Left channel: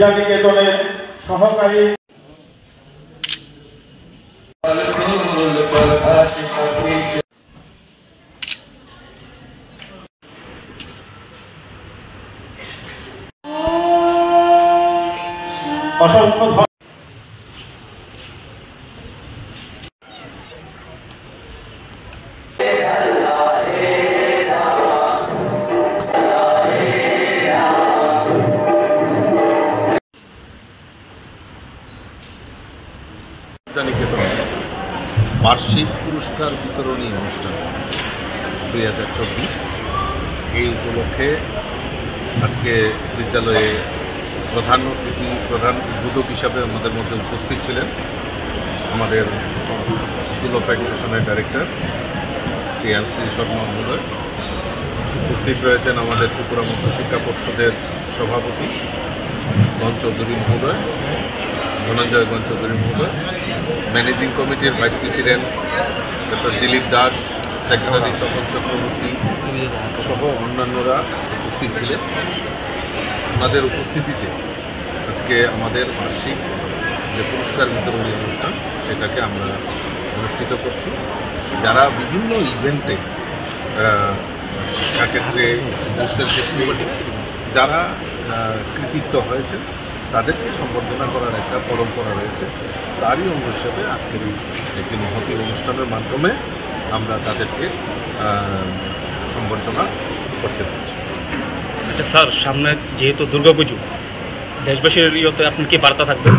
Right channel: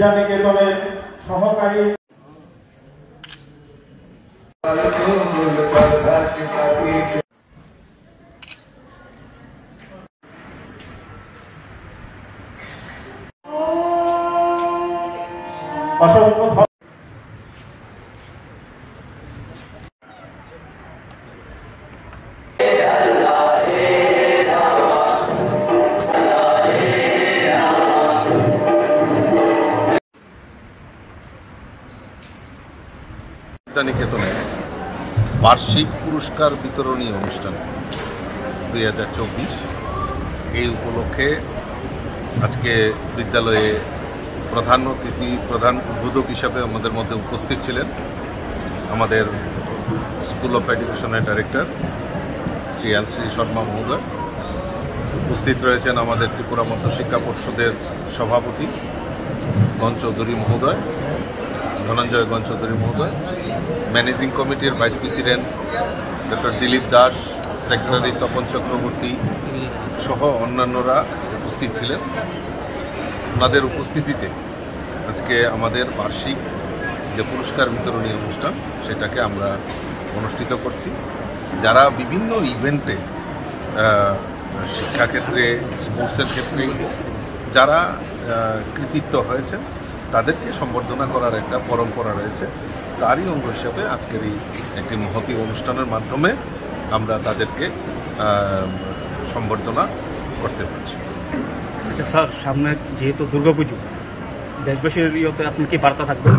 বিদ্যানিকেতনের সহকারী অসংখ্য বিদ্যানিকেতনে বার্ষিক পুরস্কার বিতরণী অনুষ্ঠান 2024 এই উপলক্ষে আজকে বিদ্যালয়ে প্রধান উদ্বোধক হিসাবে আমাদের মধ্যে উপস্থিত ছিলেন আমাদের স্কুল অফ এডুকেশনের ডাইরেক্টর শ্রী শর্মা মহোদয়। উপস্থিত রয়েছেন আমাদের ত্রিপুরা মধ্য শিক্ষা পর্ষদের সভাপতি গণ চৌধুরী মহোদয়, ধনঞ্জয় গণ চৌধুরী মহোদয়, ম্যানেজিং কমিটির vice president doctor Dilip Das, secretary Tapan Chakraborty সহ অন্যান্যরা উপস্থিত ছিলেন। ওনাদের উপস্থিতিতে আজকে আমাদের বার্ষিক যে পুরস্কার বিতরণী অনুষ্ঠান সেটাকে আমরা অনুষ্ঠিত করছি। যারা বিভিন্ন ইভেন্টে শিক্ষাক্ষেত্রে, স্পোর্টসের ক্ষেত্রে যারা কৃতিত্ব হয়েছে তাদেরকে সম্বর্ধনা করার একটা পরম্পরা রয়েছে। তারই অঙ্গ হিসেবে আজকের এই একটি মহতী অনুষ্ঠানের মাধ্যমে আমরা তাদেরকে সম্বর্ধনা করতে পারছি। আচ্ছা স্যার, সামনে যেহেতু দুর্গাপুজো, দেশবাসীর ইয়েতে আপনার কি বার্তা থাকবে?